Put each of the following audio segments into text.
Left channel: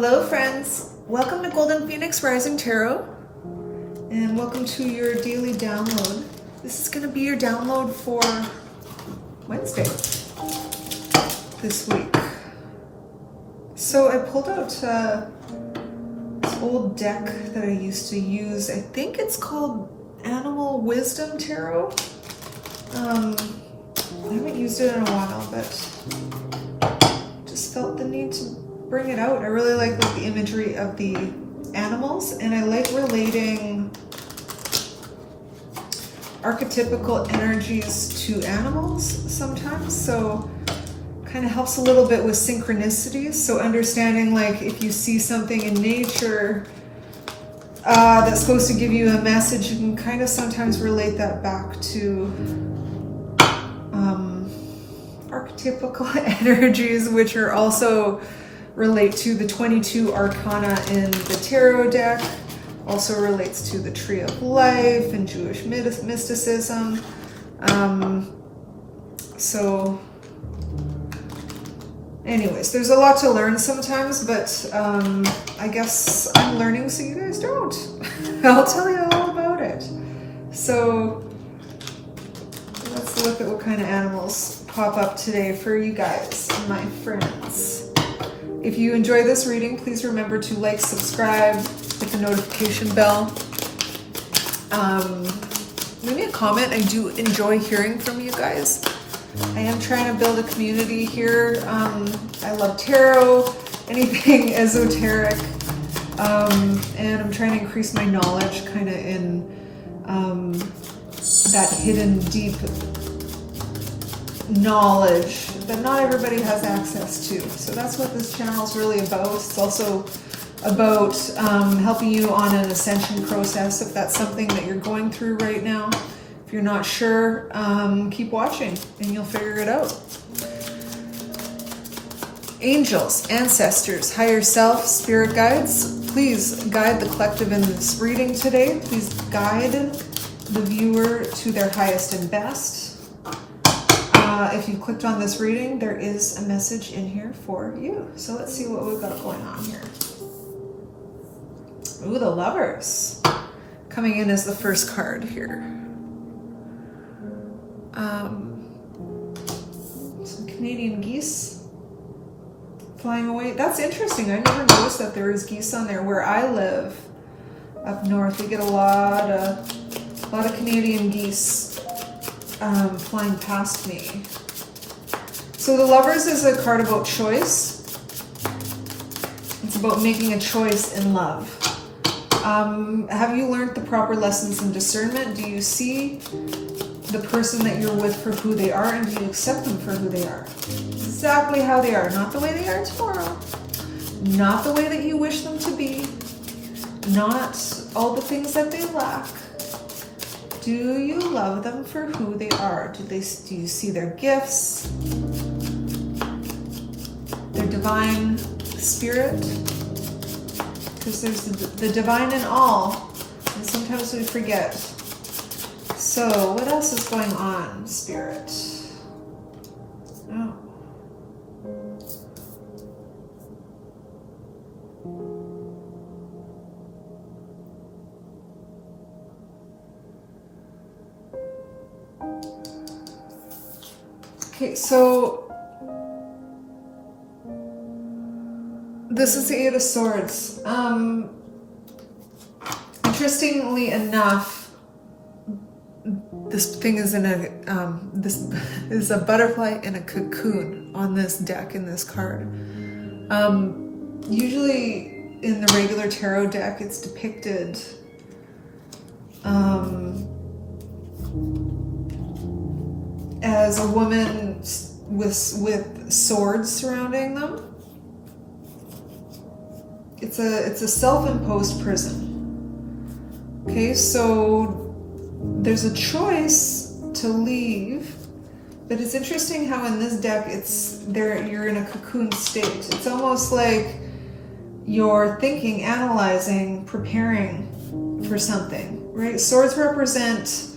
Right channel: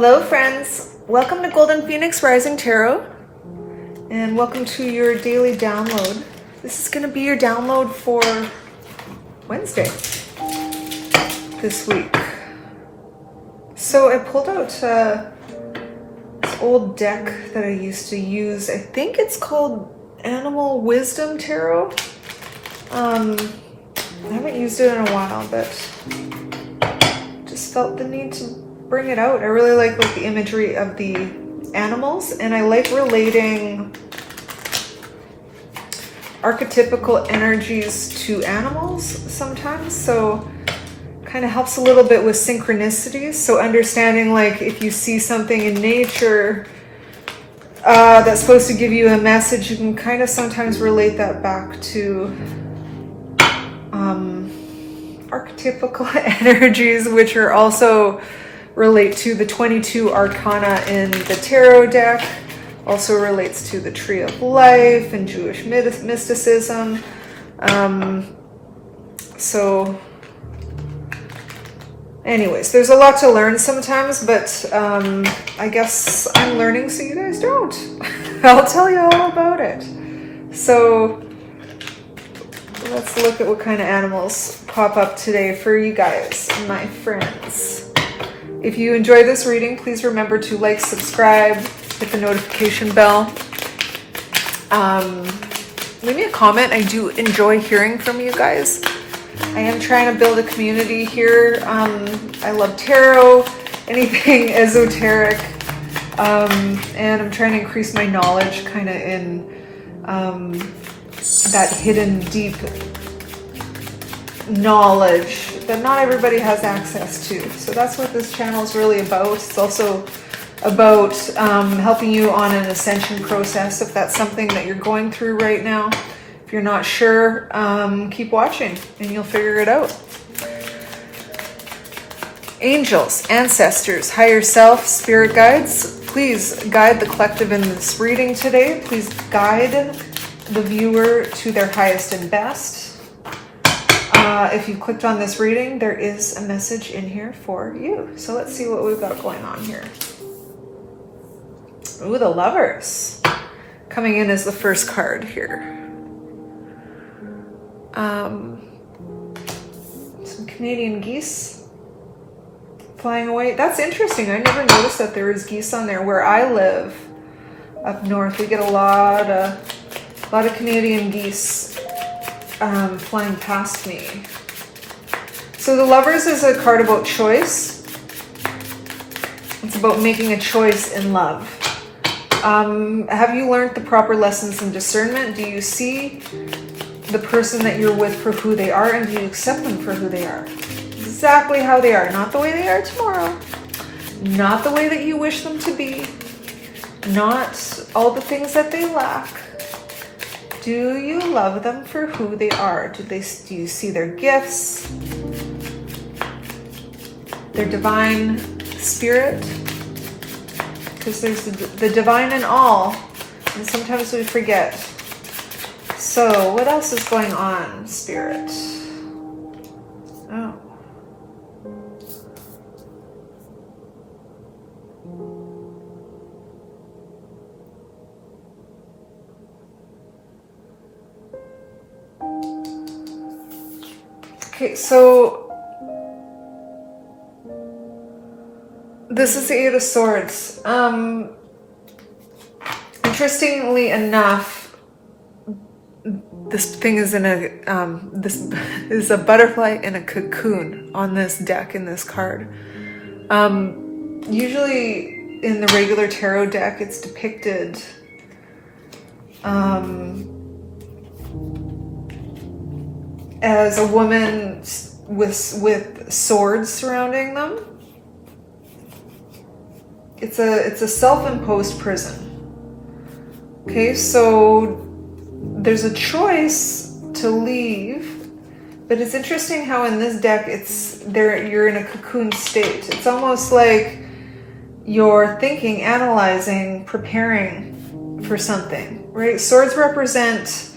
Hello friends, welcome to Golden Phoenix Rising Tarot and welcome to your daily download. This is going to be your download for Wednesday this week. So I pulled out this old deck that I used to use. I think it's called Animal Wisdom Tarot. I haven't used it in a while, but just felt the need to bring it out. I really like the imagery of the animals, and I like relating archetypical energies to animals sometimes, so kind of helps a little bit with synchronicities. So understanding if you see something in nature that's supposed to give you a message, you can kind of sometimes relate that back to archetypical energies, which are also relate to the 22 arcana in the tarot deck, also relates to the tree of life and Jewish mysticism. So anyways, there's a lot to learn sometimes, but I guess I'm learning so you guys don't. I'll tell you all about it. So let's look at what kind of animals pop up today for you guys, my friends. If you enjoy this reading, please remember to like, subscribe, hit the notification bell. Leave me a comment. I do enjoy hearing from you guys. I am trying to build a community here. I love tarot, anything esoteric, and I'm trying to increase my knowledge kind of in that hidden, deep knowledge that not everybody has access to. So that's what this channel is really about. It's also about helping you on an ascension process if that's something that you're going through right now. If you're not sure, keep watching and you'll figure it out. Angels, ancestors, higher self, spirit guides, please guide the collective in this reading today. Please guide the viewer to their highest and best. If you clicked on this reading, there is a message in here for you. So let's see what we've got going on here. Ooh, the Lovers. Coming in as the first card here. Some Canadian geese flying away. That's interesting. I never noticed that there is geese on there. Where I live up north, we get a lot of Canadian geese flying past me. So the Lovers is a card about choice. It's about making a choice in love. Have you learned the proper lessons in discernment? Do you see the person that you're with for who they are, and do you accept them for who they are? Exactly how they are, not the way they are tomorrow, not the way that you wish them to be, not all the things that they lack. Do you love them for who they are? Do you see their gifts, their divine spirit? Because there's the divine in all, and sometimes we forget. So what else is going on, Spirit? Oh. Okay, so this is the Eight of Swords. Interestingly enough, this thing is in a this is a butterfly in a cocoon on this deck in this card. Usually in the regular tarot deck, it's depicted as a woman with swords surrounding them. It's a self-imposed prison. Okay, so there's a choice to leave, but it's interesting how in this deck you're in a cocoon state. It's almost like you're thinking, analyzing, preparing for something, right? Swords represent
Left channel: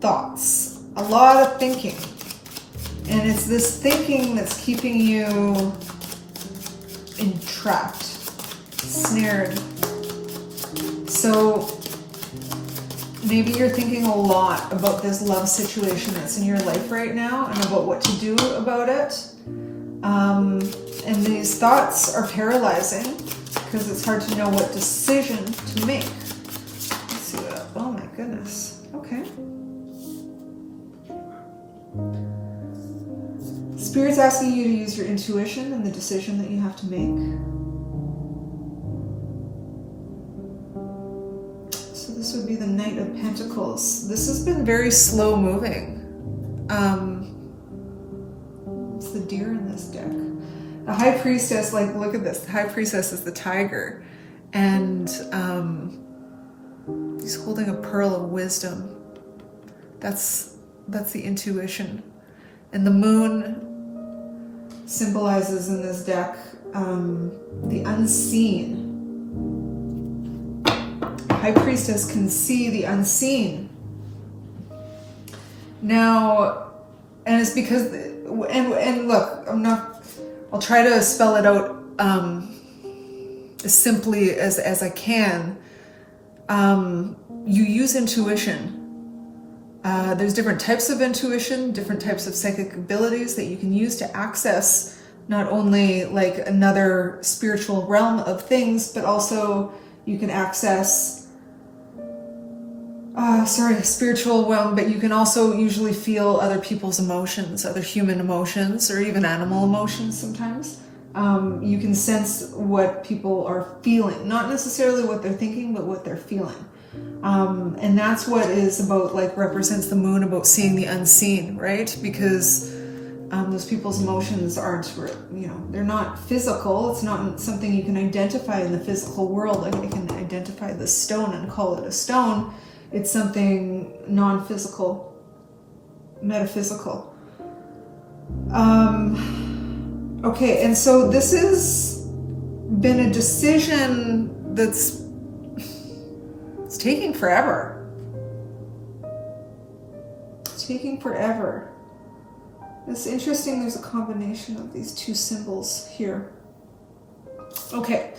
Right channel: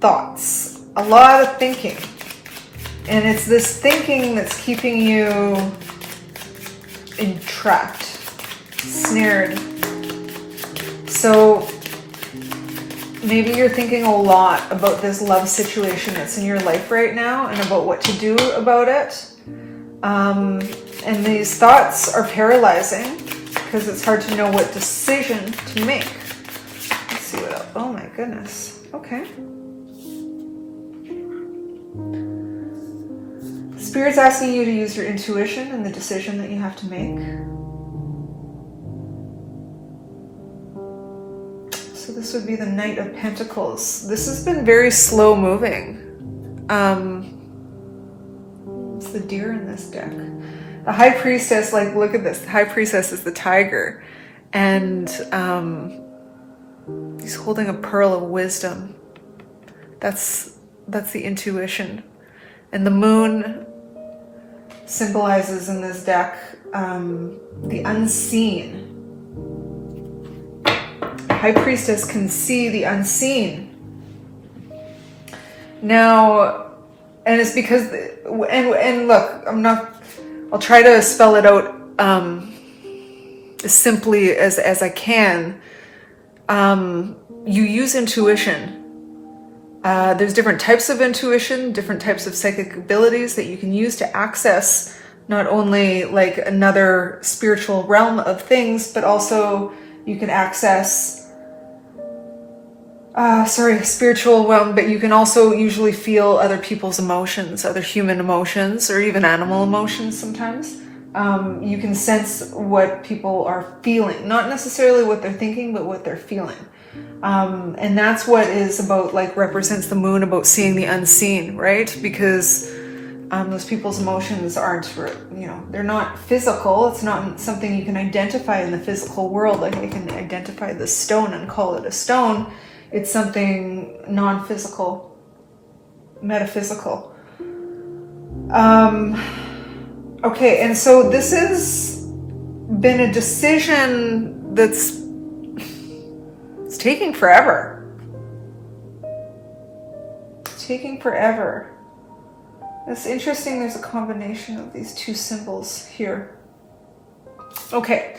thoughts, a lot of thinking. And it's this thinking that's keeping you entrapped. snared. So maybe you're thinking a lot about this love situation that's in your life right now and about what to do about it. And these thoughts are paralyzing because it's hard to know what decision to make. Let's see what else. Oh my goodness. Okay. Spirit's asking you to use your intuition in the decision that you have to make. So this would be the Knight of Pentacles. This has been very slow moving. It's the deer in this deck. The High Priestess, like, look at this. The High Priestess is the tiger. And he's holding a pearl of wisdom. That's the intuition. And the moon symbolizes in this deck the unseen. High Priestess can see the unseen. Now, and it's because, and look, I'll try to spell it out as simply as I can. You use intuition. There's different types of intuition, different types of psychic abilities that you can use to access not only like another spiritual realm of things, but also you can access spiritual realm, but you can also usually feel other people's emotions, other human emotions, or even animal emotions sometimes. You can sense what people are feeling, not necessarily what they're thinking, but what they're feeling. And that's what is about, like, represents the moon, about seeing the unseen, right? Because those people's emotions aren't, they're not physical. It's not something you can identify in the physical world. Like, you can identify the stone and call it a stone. It's something non-physical, metaphysical. Okay, and so this has been a decision it's taking forever. It's taking forever. It's interesting, there's a combination of these two symbols here. Okay,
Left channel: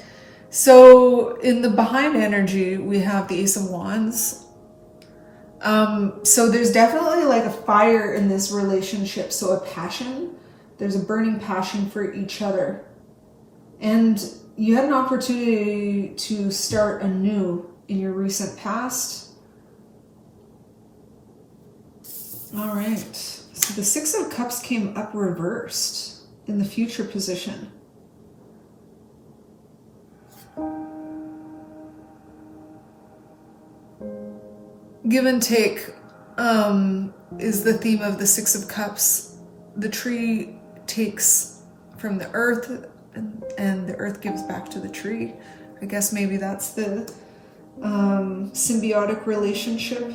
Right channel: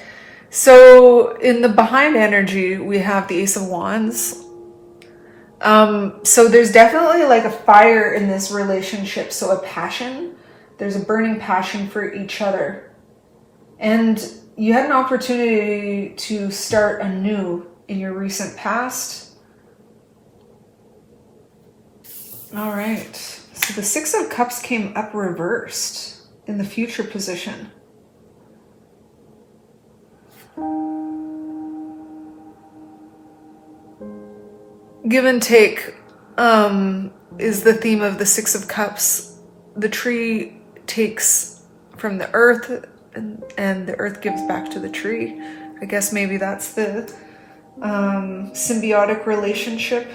so in the behind energy, we have the Ace of Wands. So there's definitely like a fire in this relationship. So a passion, there's a burning passion for each other. And you had an opportunity to start anew in your recent past. All right. So the Six of Cups came up reversed in the future position. Give and take is the theme of the Six of Cups. The tree takes from the earth and the earth gives back to the tree. I guess maybe that's the symbiotic relationship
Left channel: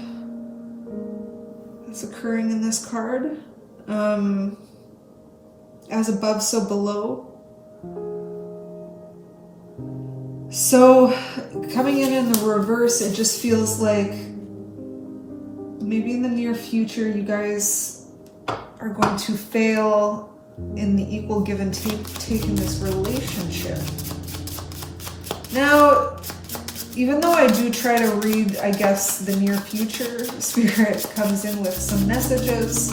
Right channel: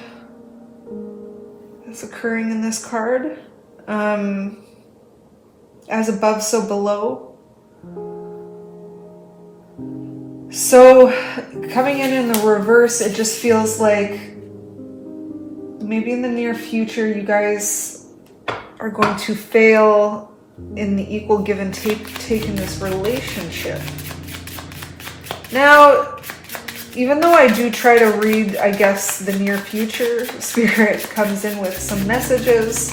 that's occurring in this card. As above, so below. So coming in the reverse, it just feels like maybe in the near future you guys are going to fail in the equal give and take in this relationship. Now, even though I do try to read, I guess, the near future, Spirit comes in with some messages.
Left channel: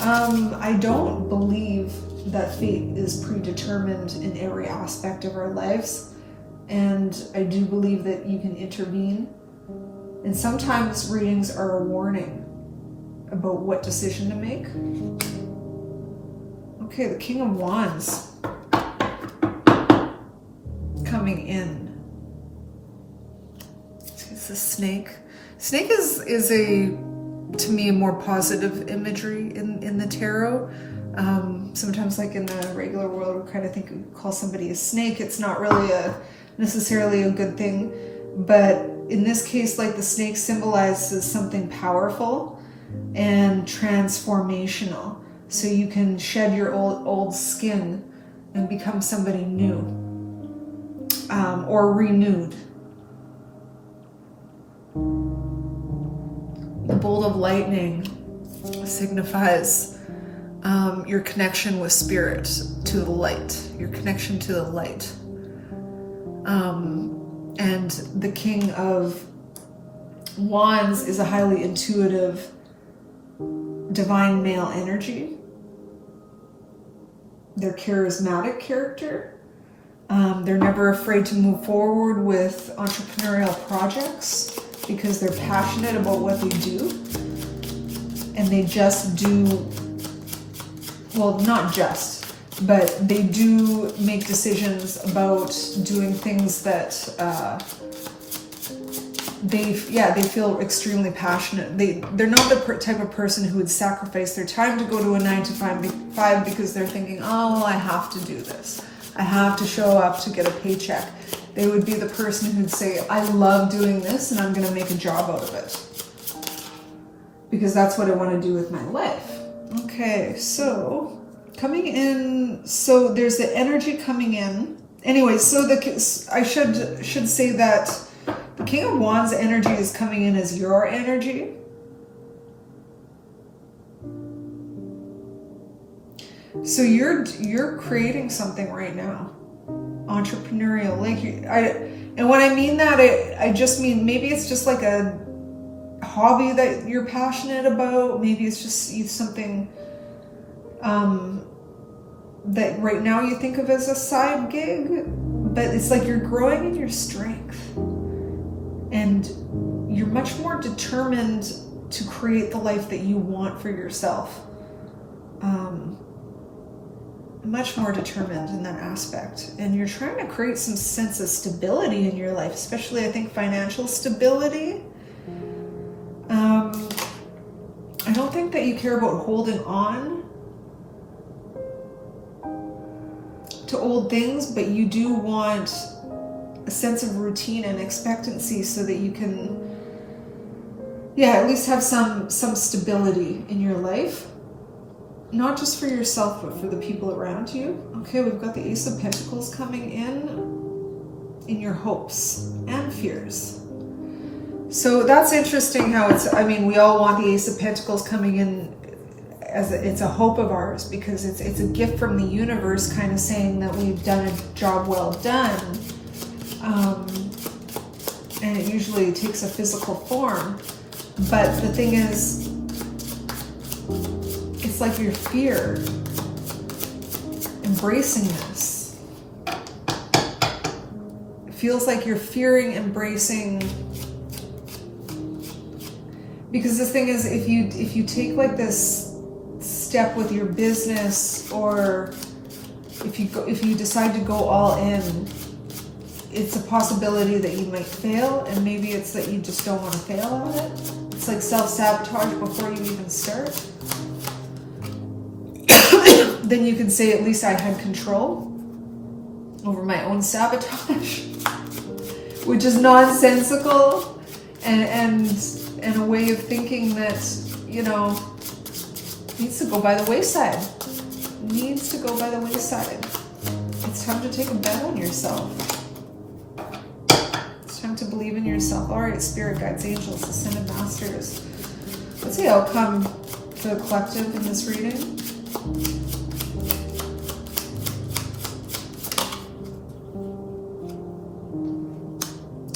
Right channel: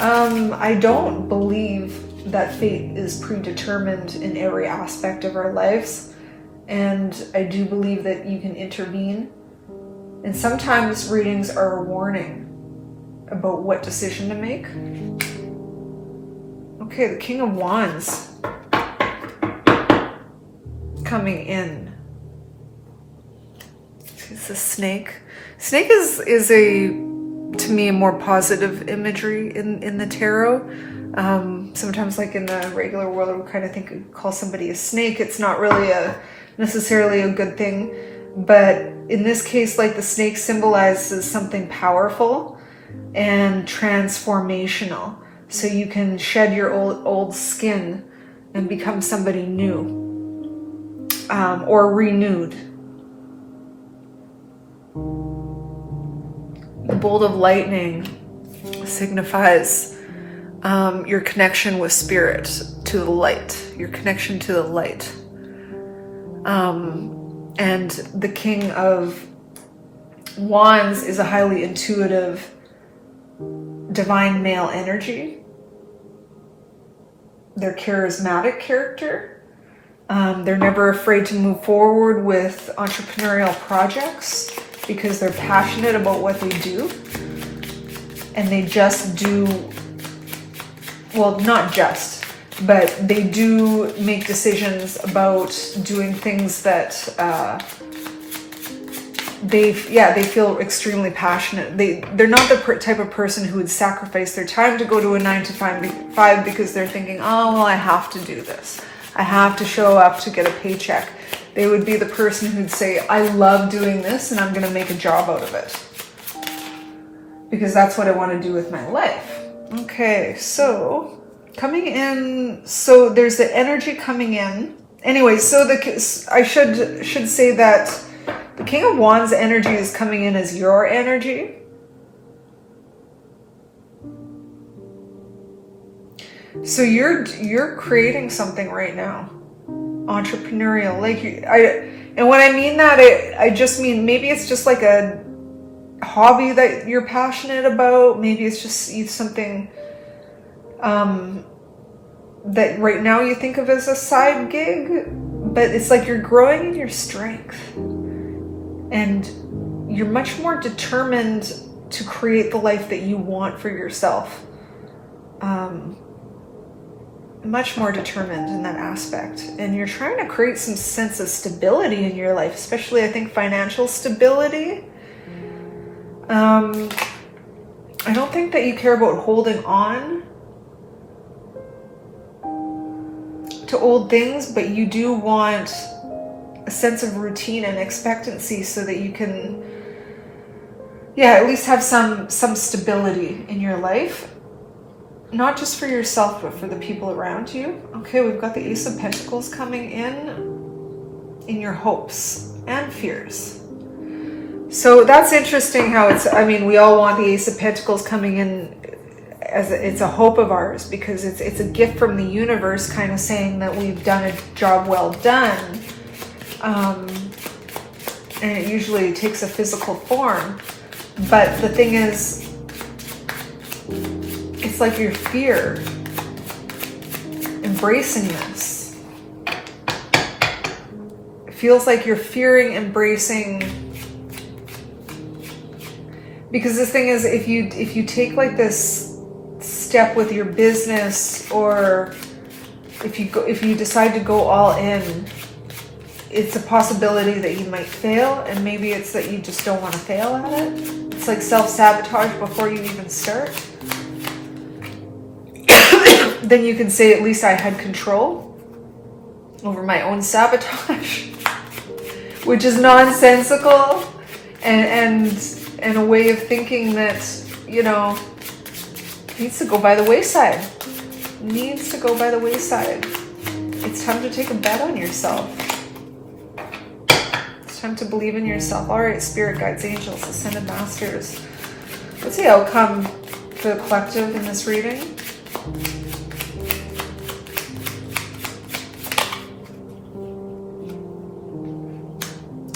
I don't believe that fate is predetermined in every aspect of our lives. And I do believe that you can intervene. And sometimes readings are a warning about what decision to make. Okay, the King of Wands coming in. It's a snake. Snake is a, to me, a more positive imagery in the tarot. Sometimes, like in the regular world, we kind of call somebody a snake. It's not really necessarily a good thing. But in this case, like, the snake symbolizes something powerful and transformational. So you can shed your old skin and become somebody new, or renewed. The bolt of lightning signifies your connection with spirit, to the light, your connection to the light. And the King of Wands is a highly intuitive, divine male energy. They're charismatic character. They're never afraid to move forward with entrepreneurial projects because they're passionate about what they do. And they just do, well, not just, but they do make decisions about doing things that they feel extremely passionate. They're not the type of person who would sacrifice their time to go to a 9 to 5 because they're thinking, oh, well, I have to do this. I have to show up to get a paycheck. They would be the person who'd say, I love doing this and I'm going to make a job out of it, because that's what I want to do with my life. Okay, so coming in, so there's the energy coming in. Anyway, so I should say that the King of Wands energy is coming in as your energy. So you're creating something right now, entrepreneurial. And when I mean that, I just mean maybe it's just like a hobby that you're passionate about. Maybe it's just something that right now you think of as a side gig, but it's like you're growing in your strength and you're much more determined to create the life that you want for yourself. Much more determined in that aspect, and you're trying to create some sense of stability in your life, especially I think financial stability. I don't think that you care about holding on to old things, but you do want a sense of routine and expectancy so that you can, at least have some stability in your life. Not just for yourself, but for the people around you. Okay, we've got the Ace of Pentacles coming in your hopes and fears. So that's interesting how we all want the Ace of Pentacles coming in as it's a hope of ours, because it's a gift from the universe kind of saying that we've done a job well done. And it usually takes a physical form. But the thing is, it's like your fear embracing this. It feels like you're fearing embracing, because the thing is, if you take like this step with your business, or if you decide to go all in, it's a possibility that you might fail, and maybe it's that you just don't want to fail at it. It's like self-sabotage before you even start. Then you can say, at least I had control over my own sabotage, which is nonsensical and a way of thinking that, needs to go by the wayside. It's time to take a bet on yourself. It's time to believe in yourself. All right, spirit guides, angels, ascended masters. What's the outcome for the collective in this reading?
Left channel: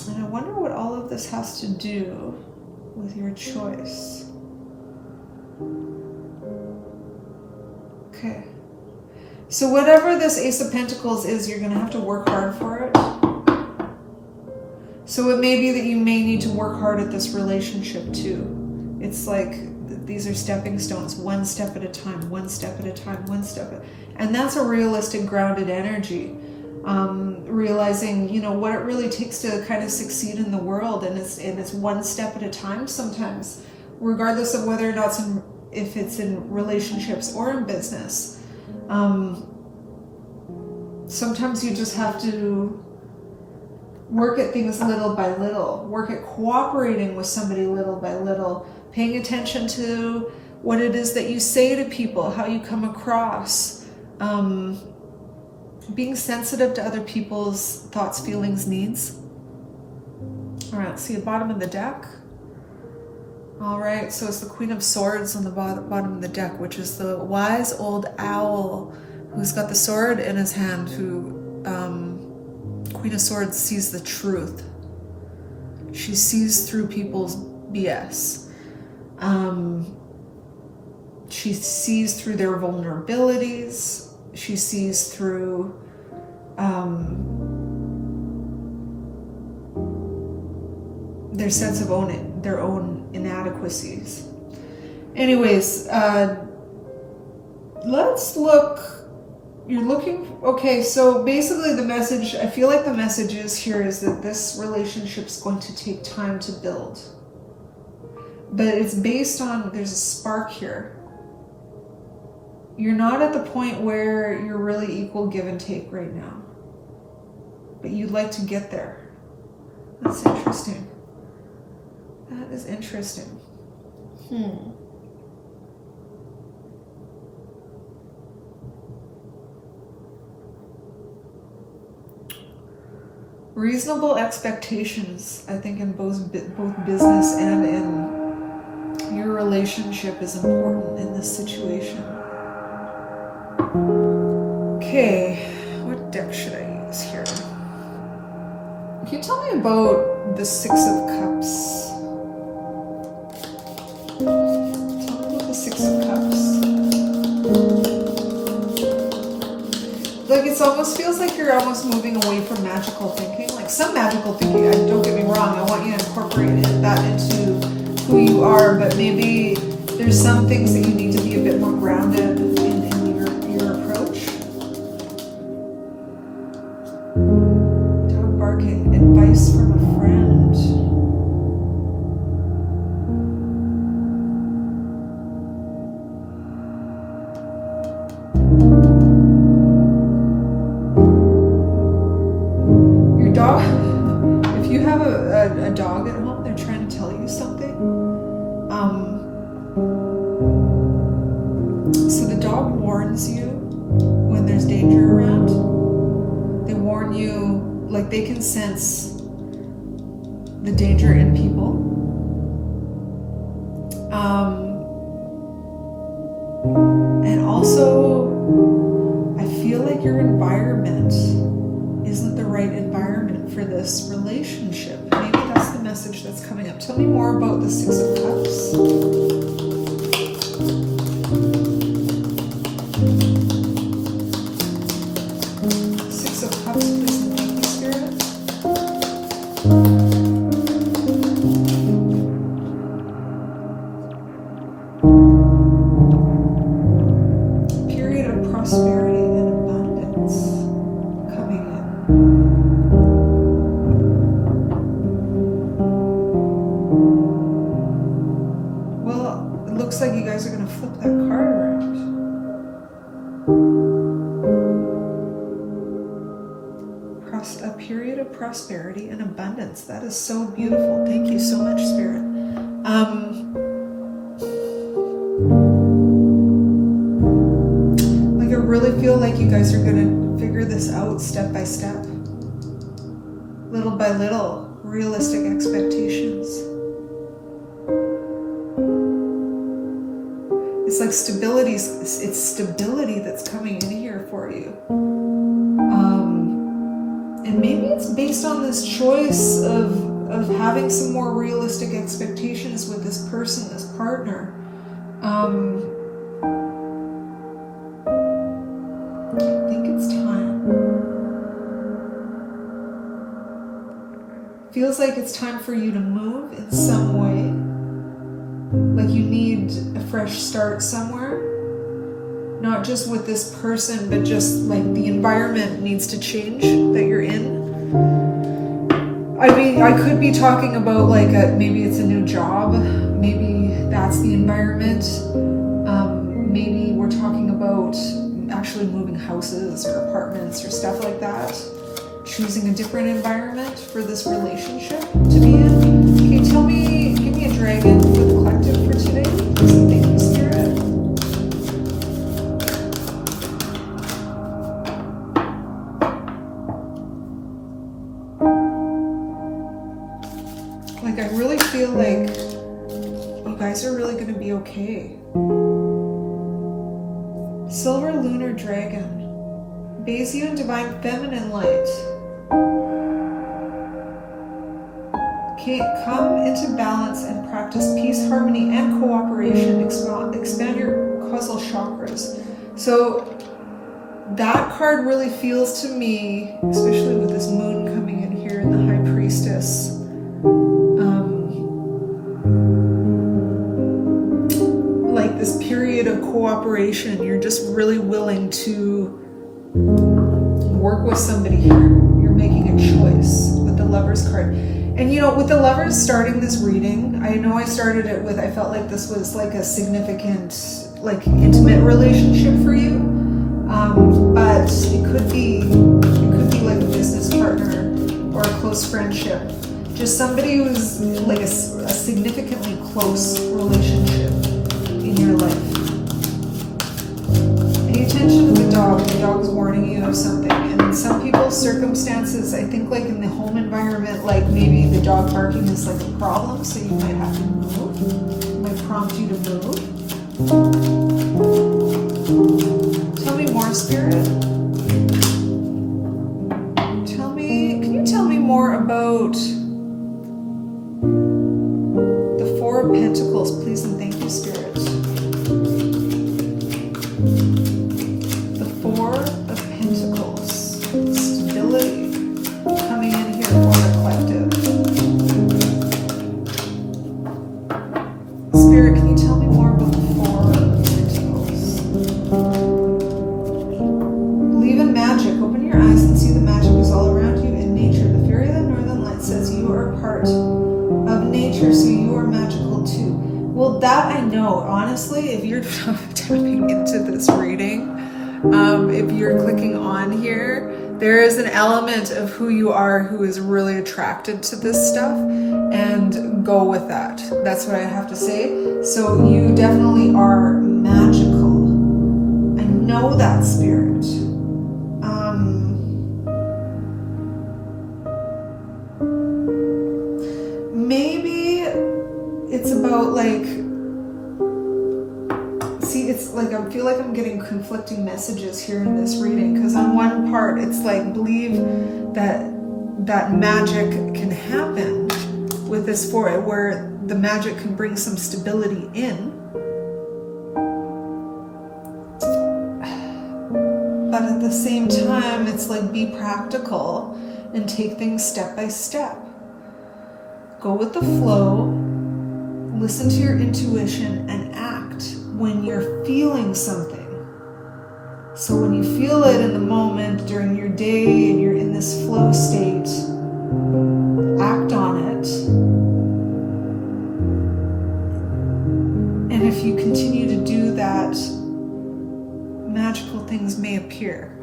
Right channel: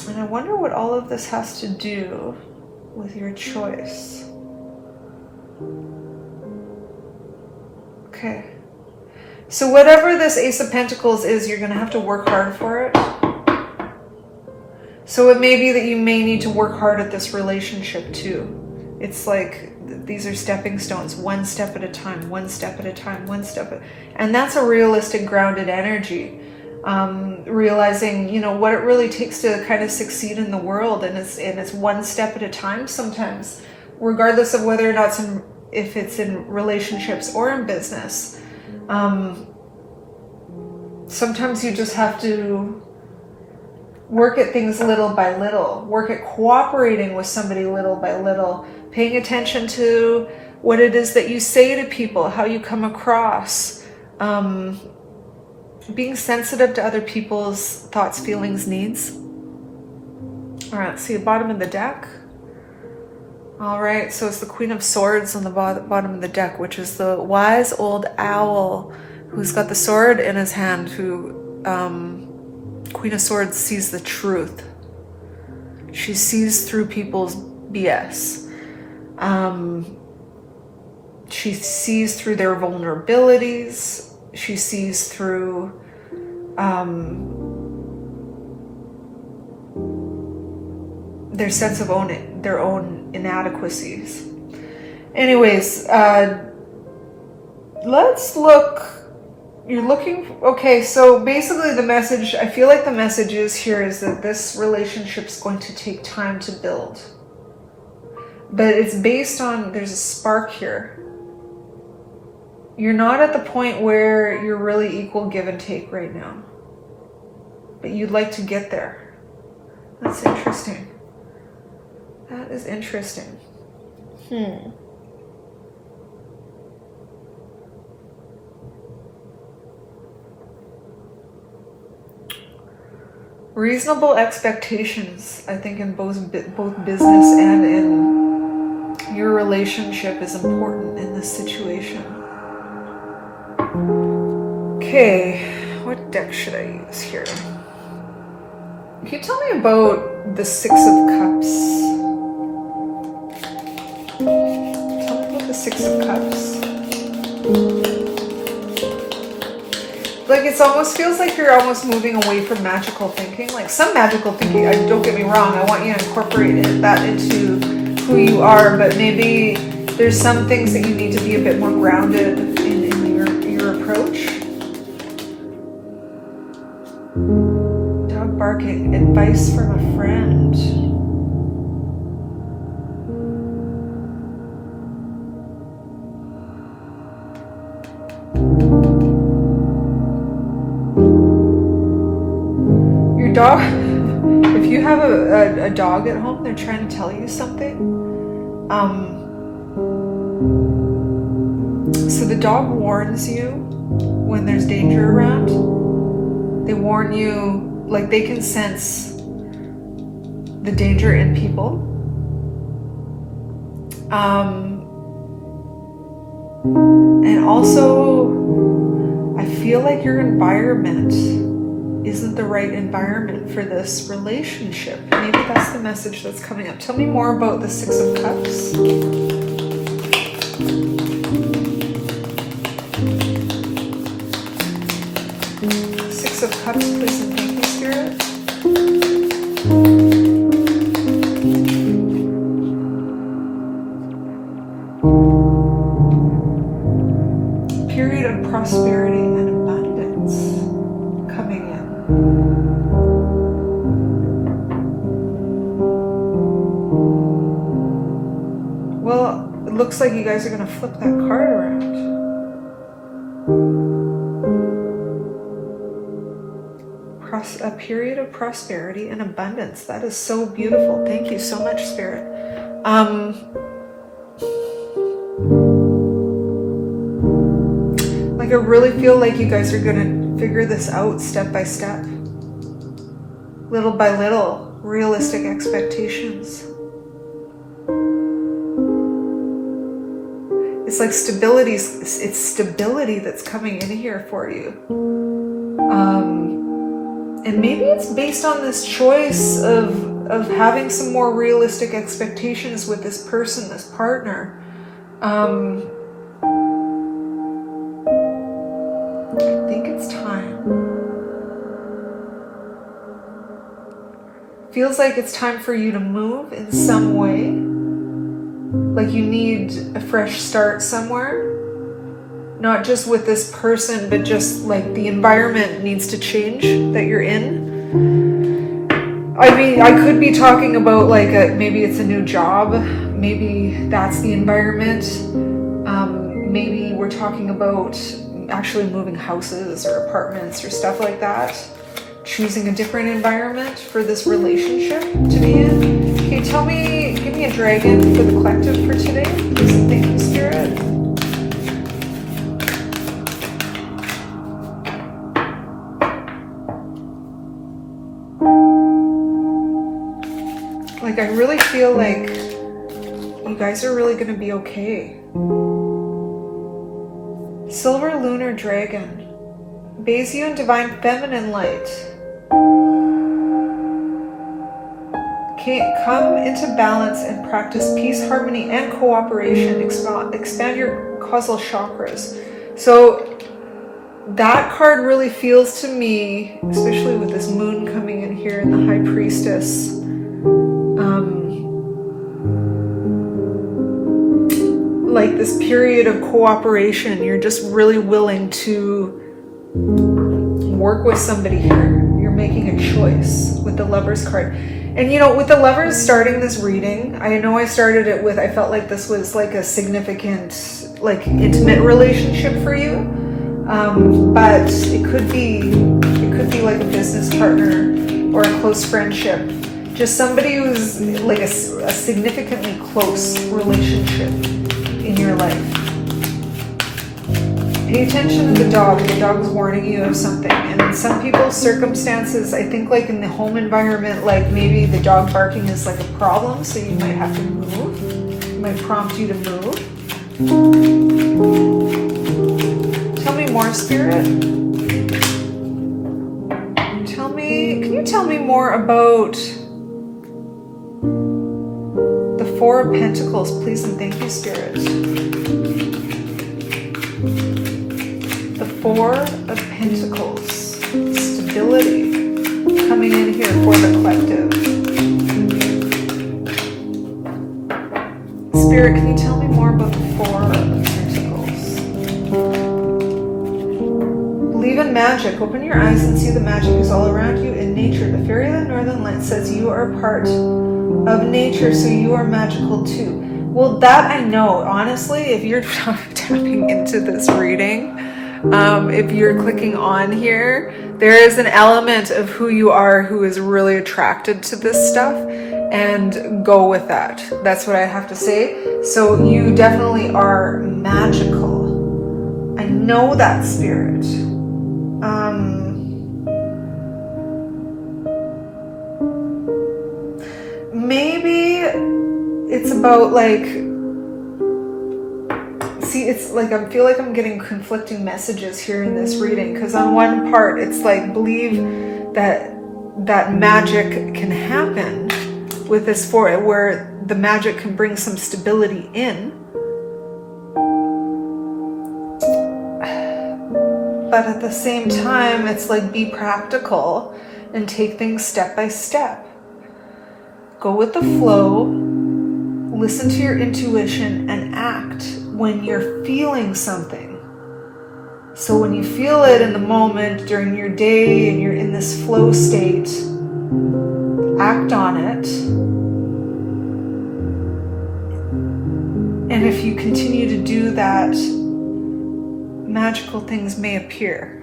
And I wonder what all of this has to do with your choice. Okay. So whatever this Ace of Pentacles is, you're going to have to work hard for it. So it may be that you may need to work hard at this relationship too. It's like these are stepping stones, one step at a time, one step at a time, and that's a realistic, grounded energy. Realizing, what it really takes to kind of succeed in the world, and it's one step at a time sometimes, regardless of whether or not if it's in relationships or in business. Sometimes you just have to work at things little by little, work at cooperating with somebody little by little, paying attention to what it is that you say to people, how you come across, being sensitive to other people's thoughts, feelings, needs. All right, let's see the bottom of the deck. All right, so it's the Queen of Swords on the bottom of the deck, which is the wise old owl who's got the sword in his hand, who Queen of Swords sees the truth. She sees through people's BS. She sees through their vulnerabilities. She sees through their sense of their own inadequacies. Anyways, let's look. You're looking, okay, so basically the message, I feel like the message here is that this relationship's going to take time to build. But it's based on, there's a spark here. You're not at the point where you're really equal give and take right now. But you'd like to get there. That's interesting. That is interesting. Reasonable expectations, I think, in both business and in your relationship is important in this situation. Okay, what deck should I use here? Can you tell me about the Six of Cups? Tell me about the Six of Cups. Like, it almost feels like you're almost moving away from magical thinking. Like, some magical thinking, don't get me wrong, I want you to incorporate that into who you are, but maybe there's some things that you need to be a bit more grounded in your approach. Dog barking, advice from a friend. Dog, if you have a dog at home, they're trying to tell you something. So the dog warns you when there's danger around. They warn you, like, they can sense the danger in people. And also, I feel like your environment isn't the right environment for this relationship. Maybe that's the message that's coming up. Tell me more about the Six of Cups. Six of Cups, please, and thank you, Spirit. Period of prosperity and abundance coming in. Well, it looks like you guys are going to flip that card around. A period of prosperity and abundance. That is so beautiful. Thank you so much, Spirit. Like, I really feel like you guys are going to figure this out step by step. Little by little. Realistic expectations. It's like stability. It's stability that's coming in here for you. And maybe it's based on this choice of having some more realistic expectations with this person, this partner. I think it's time. Feels like it's time for you to move in some way. Like you need a fresh start somewhere. Not just with this person, but just like the environment needs to change that you're in. I mean, I could be talking about like maybe it's a new job. Maybe that's the environment. Maybe we're talking about actually moving houses or apartments or stuff like that. Choosing a different environment for this relationship to be in. Can you tell me, give me a dragon for the collective for today? Please, thank you, Spirit. Like, I really feel like you guys are really going to be okay. Silver Lunar Dragon. Bathes you in divine feminine light. Okay, come into balance and practice peace, harmony, and cooperation. Expand your causal chakras. So that card really feels to me, especially with this moon coming in here and the High Priestess, like this period of cooperation. You're just really willing to work with somebody here. You're making a choice with the Lovers card. And you know, with the Lovers starting this reading, I know I started it with, I felt like this was like a significant, like intimate relationship for you. But it could be like a business partner or a close friendship. Just somebody who's like a significantly close relationship in your life. Pay attention to the dog. The dog is warning you of something. And in some people's circumstances, I think like in the home environment, like maybe the dog barking is like a problem, so you might have to move. It might prompt you to move. Tell me more, Spirit. Can you tell me more about the Four of Pentacles, please, and thank you, Spirit. The Four of Pentacles, stability coming in here for the collective. Spirit, can you tell me more about the Four of Pentacles? Believe in magic. Open your eyes and see the magic is all around you in nature. The Fairy of the Northern Lights says you are part of nature, so you are magical too. Well, that I know. Honestly, if you're tapping into this reading, if you're clicking on here, there is an element of who you are who is really attracted to this stuff, and go with that. That's what I have to say. So you definitely are magical. I know that, Spirit. Maybe it's about like, see, it's like I feel like I'm getting conflicting messages here in this reading, because on one part it's like believe that magic can happen with this four, where the magic can bring some stability in, but at the same time it's like be practical and take things step by step. Go with the flow, listen to your intuition, and act when you're feeling something. So when you feel it in the moment during your day and you're in this flow state, act on it. And if you continue to do that, magical things may appear.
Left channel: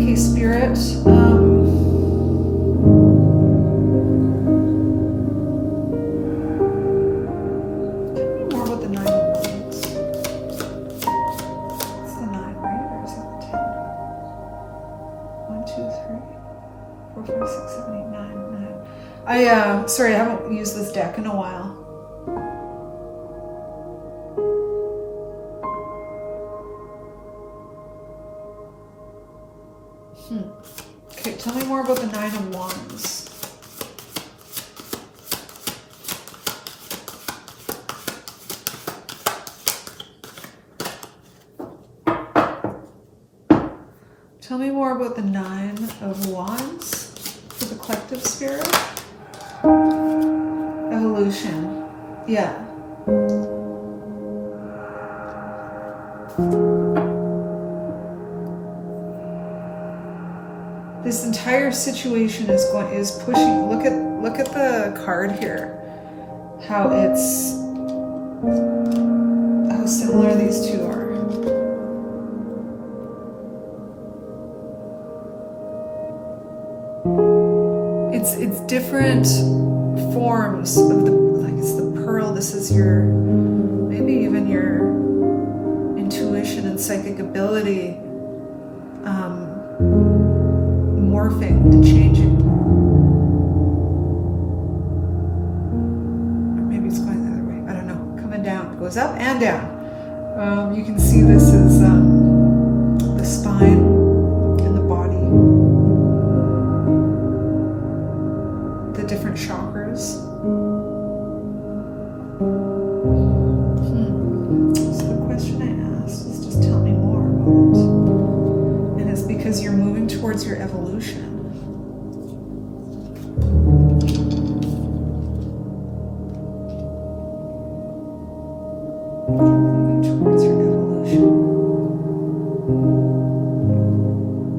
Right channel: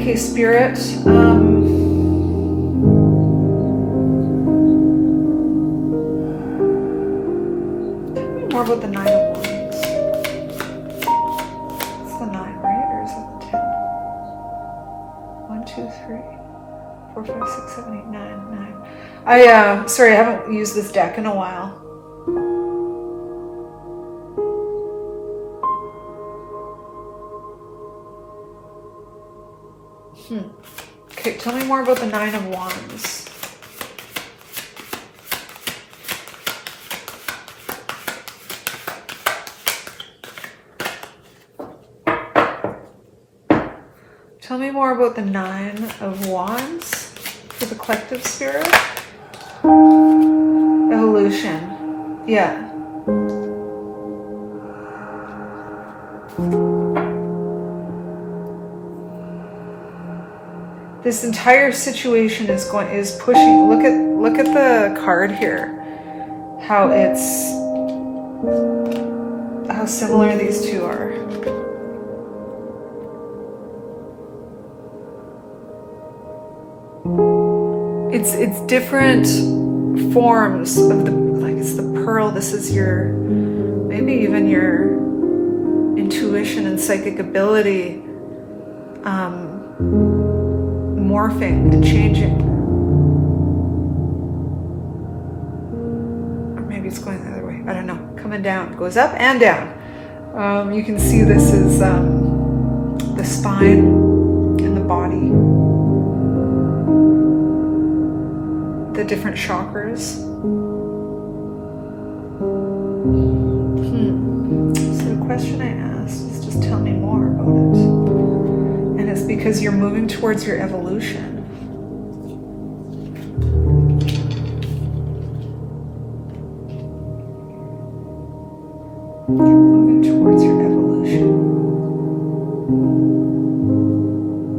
Okay, Spirit. More about the Nine of Wands. It's the 9, right? Or is it the 10? 1, 2, 3, 4, 5, 6, 7, 8, 9. Sorry, I haven't used this deck in a while. Okay, tell me more about the Nine of Wands. Tell me more about the Nine of Wands for the collective, Spirit. Evolution. Yeah. This entire situation is pushing. Look at the card here. How similar these two are. It's different forms of it's the pearl. This is maybe even your intuition and psychic ability morphing and changing. Or maybe it's going the other way. I don't know. Coming down. It goes up and down. You can see this is the spine. chakras. So the question I asked is just tell me more about it. And it's because you're moving towards your evolution. Moving towards your evolution.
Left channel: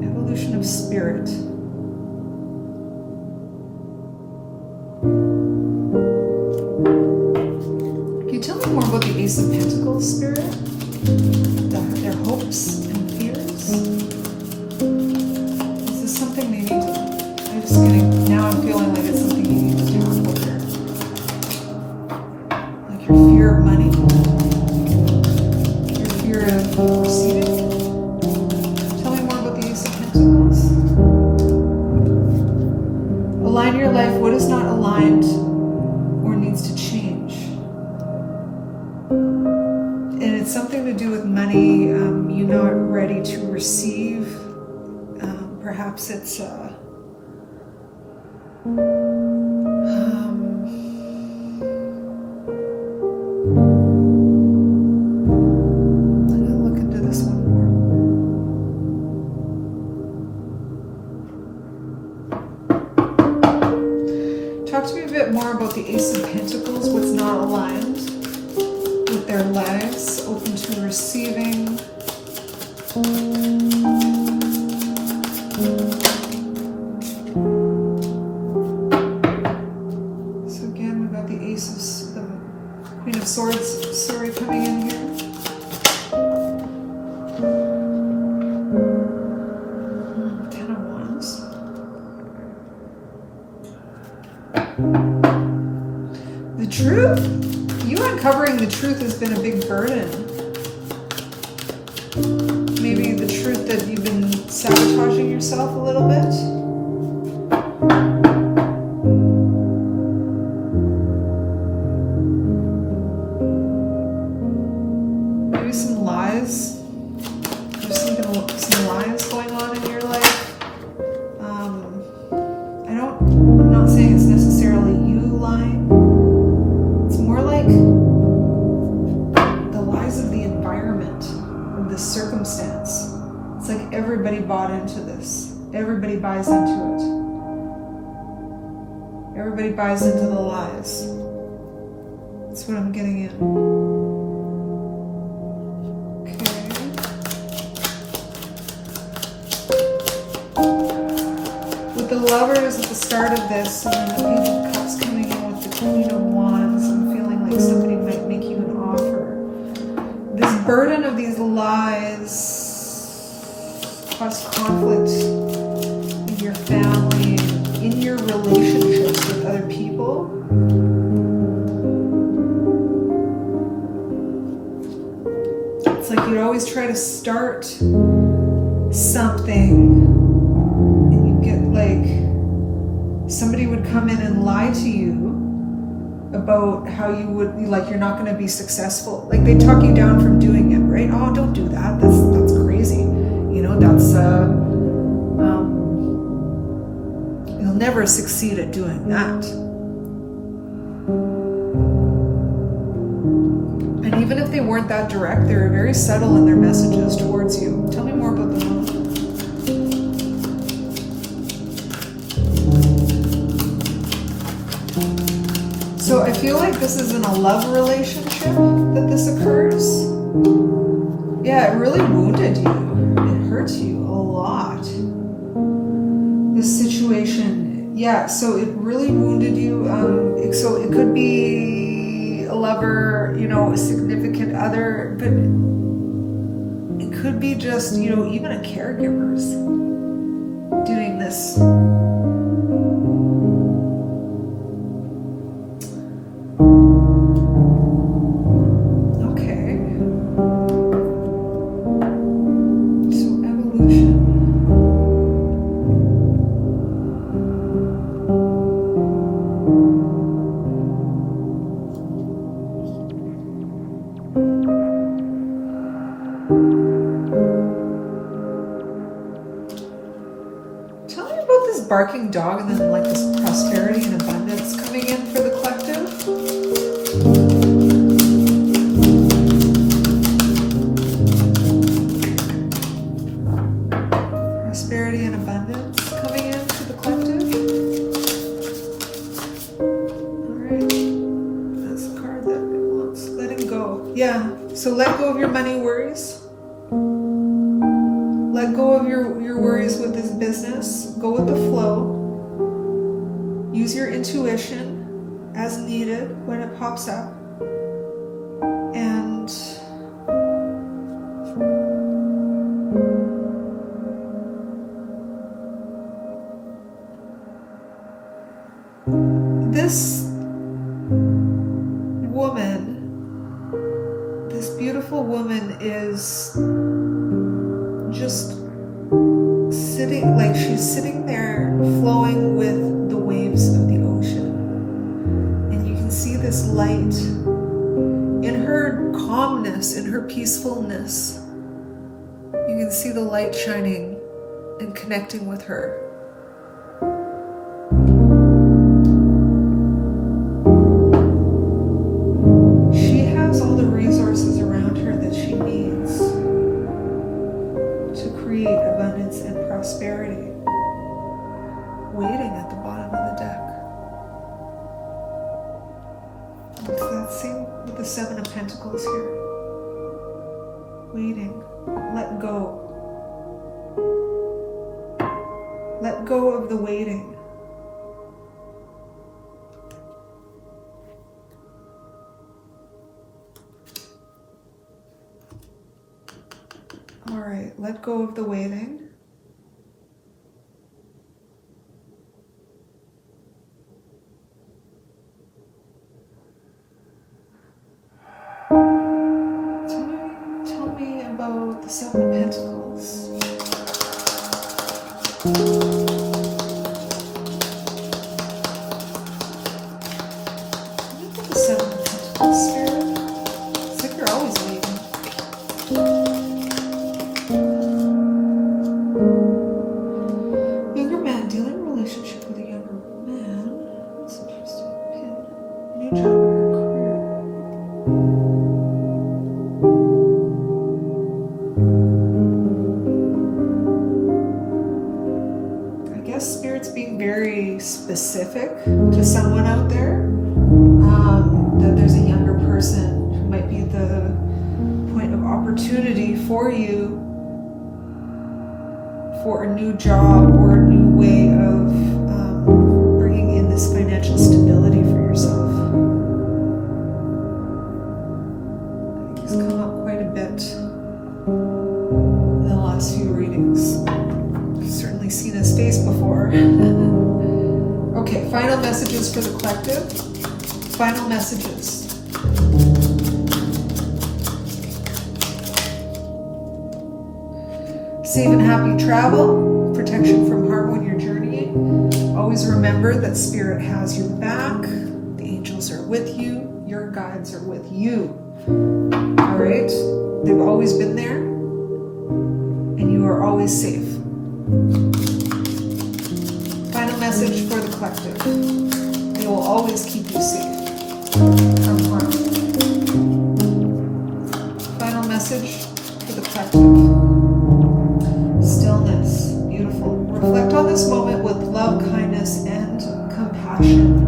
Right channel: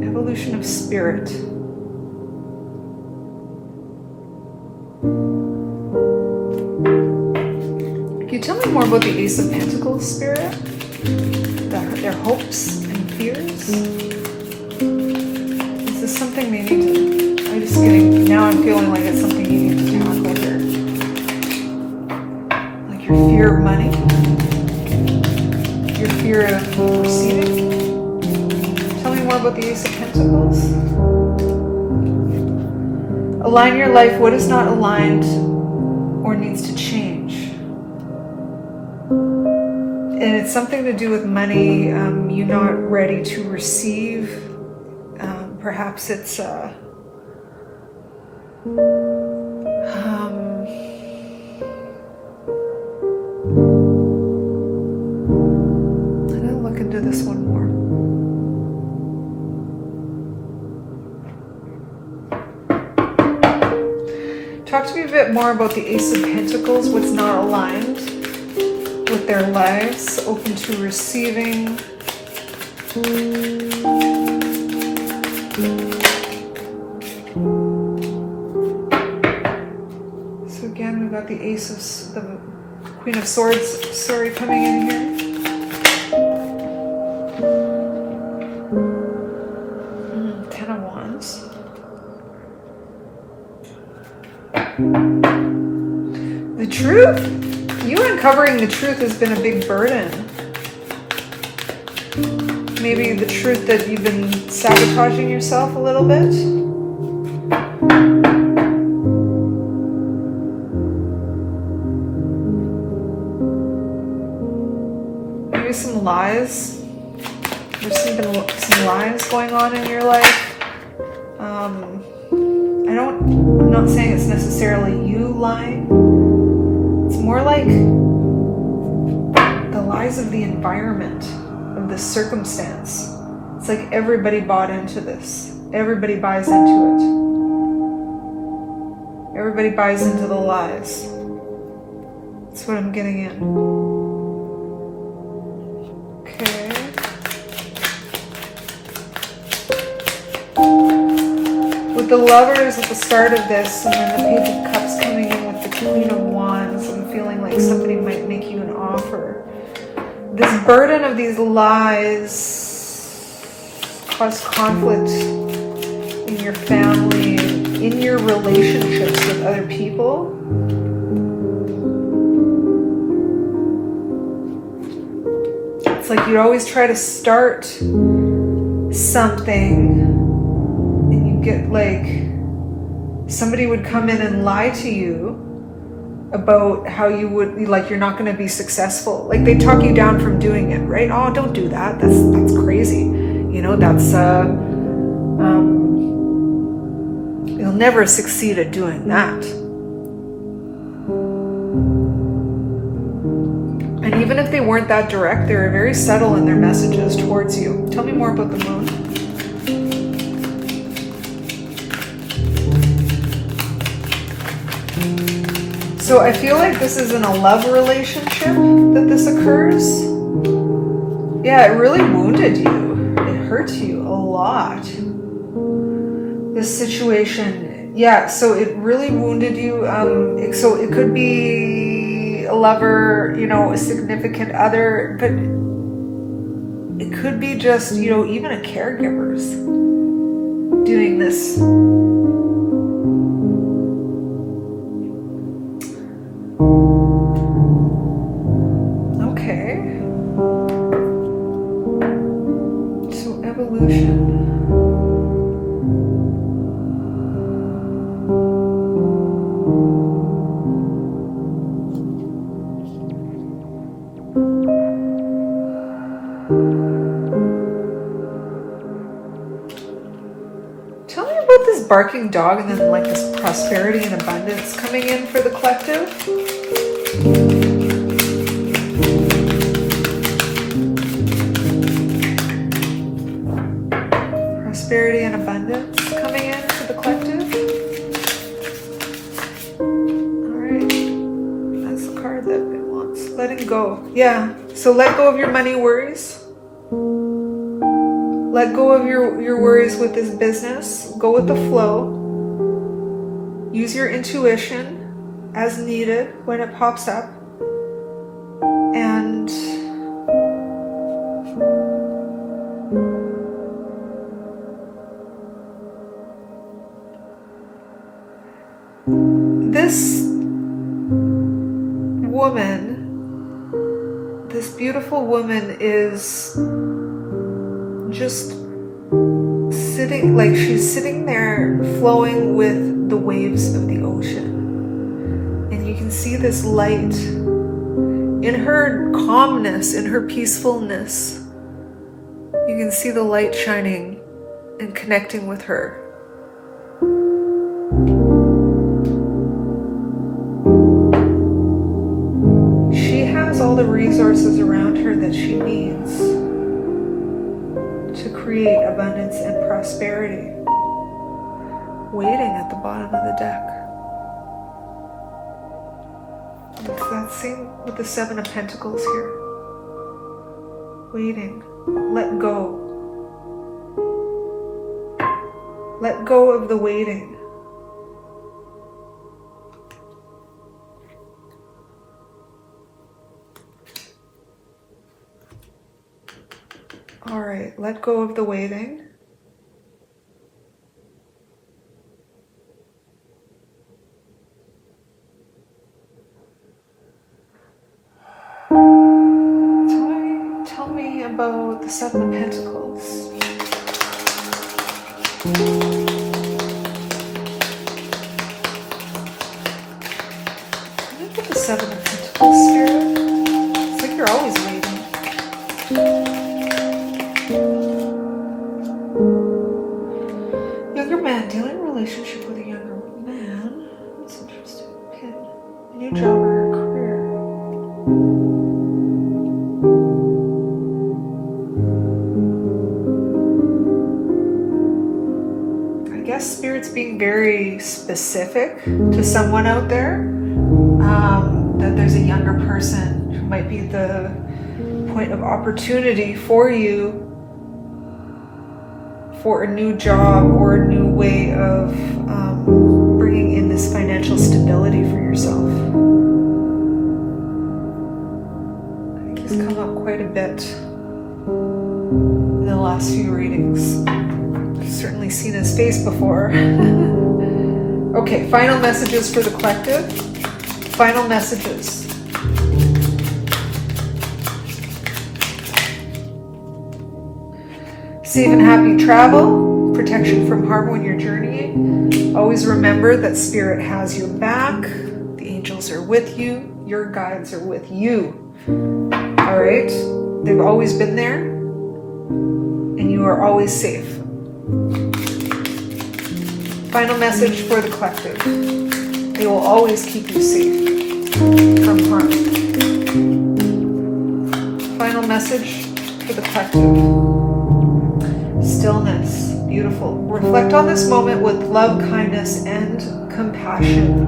Evolution of spirit. Can you tell me more about the Ace of Pentacles spirit? Their hopes and fears? Is this something they need to... I'm just getting... Now I'm feeling like it's something you need to tackle here. Like your fear of money? Your fear of receiving? Tell me more about the Ace of Pentacles. Align your life. What is not aligned or needs to change? And it's something to do with money. You're not ready to receive. Perhaps it's I'm gonna look into this one more. Talk to me a bit more about the Ace of Pentacles. What's not aligned with their lives, open to receiving. So again, we've got the Ace of, the Queen of Swords story coming in here. Ten of Wands. The truth. You uncovering the truth has been a big burden. Maybe the truth that you've been sabotaging yourself a little bit. Maybe some lies. There's some lies going on in your life. I'm not saying it's necessarily you lying. More like the lies of the environment, of the circumstance. It's like everybody bought into this. Everybody buys into it. Everybody buys into the lies. That's what I'm getting in. Okay. With the Lovers at the start of this, and then the Page of Cups coming in with the Queen of Wands, I'm feeling like somebody might make you an offer. This burden of these lies cause conflict in your family, in your relationships with other people. It's like you always try to start something and you get like somebody would come in and lie to you about how you would be, like you're not going to be successful. Like they talk you down from doing it, right? Oh, don't do that. That's crazy. You know, that's you'll never succeed at doing that. And even if they weren't that direct, they were very subtle in their messages towards you. Tell me more about the Moon. So I feel like this is in a love relationship that this occurs. Yeah, it really wounded you. It hurt you a lot. This situation, yeah, so it really wounded you. So it could be a lover, you know, a significant other, but it could be just, you know, even a caregiver's doing this. barking dog and then like this prosperity and abundance coming in for the collective. Prosperity and abundance coming in for the collective. Alright. That's the card that it wants. Letting go. Yeah. So let go of your money worries. Let go of your worries with this business. Go with the flow. Use your intuition as needed when it pops up. And this woman, this beautiful woman is just sitting, like she's sitting there flowing with the waves of the ocean. And you can see this light in her calmness, in her peacefulness. You can see the light shining and connecting with her. She has all the resources around her that she needs to create abundance and prosperity, waiting at the bottom of the deck. It's that same with the Seven of Pentacles here. Waiting. Let go. Let go of the waiting. All right, let go of the waiting. Tell me about the Seven of Pentacles. Let me get the Seven of Pentacles, Spirit. It's like you're always waiting. Relationship with a younger man. That's interesting. Okay. New job or career. I guess Spirit's being very specific to someone out there. That there's a younger person who might be the point of opportunity for you for a new job or a new way of bringing in this financial stability for yourself. I think he's come up quite a bit in the last few readings. I've certainly seen his face before. Okay, final messages for the collective. Final messages. Safe and happy travel, protection from harm when you're journeying. Always remember that Spirit has your back. The angels are with you. Your guides are with you. All right? They've always been there. And you are always safe. Final message for the collective. They will always keep you safe from harm. Final message for the collective. Stillness. Beautiful. Reflect on this moment with love, kindness, and compassion.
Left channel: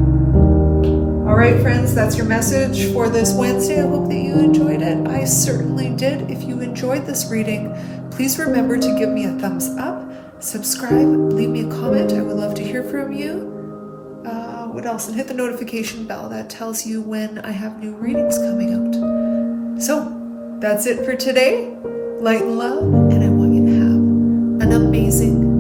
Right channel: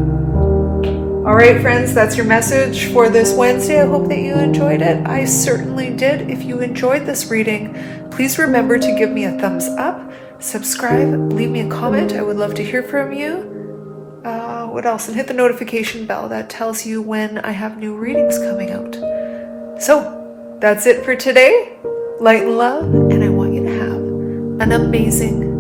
All right, friends, that's your message for this Wednesday. I hope that you enjoyed it. I certainly did. If you enjoyed this reading, please remember to give me a thumbs up, subscribe, leave me a comment. I would love to hear from you. What else? And hit the notification bell. That tells you when I have new readings coming out. So, that's it for today. Light and love, and I want you to have an amazing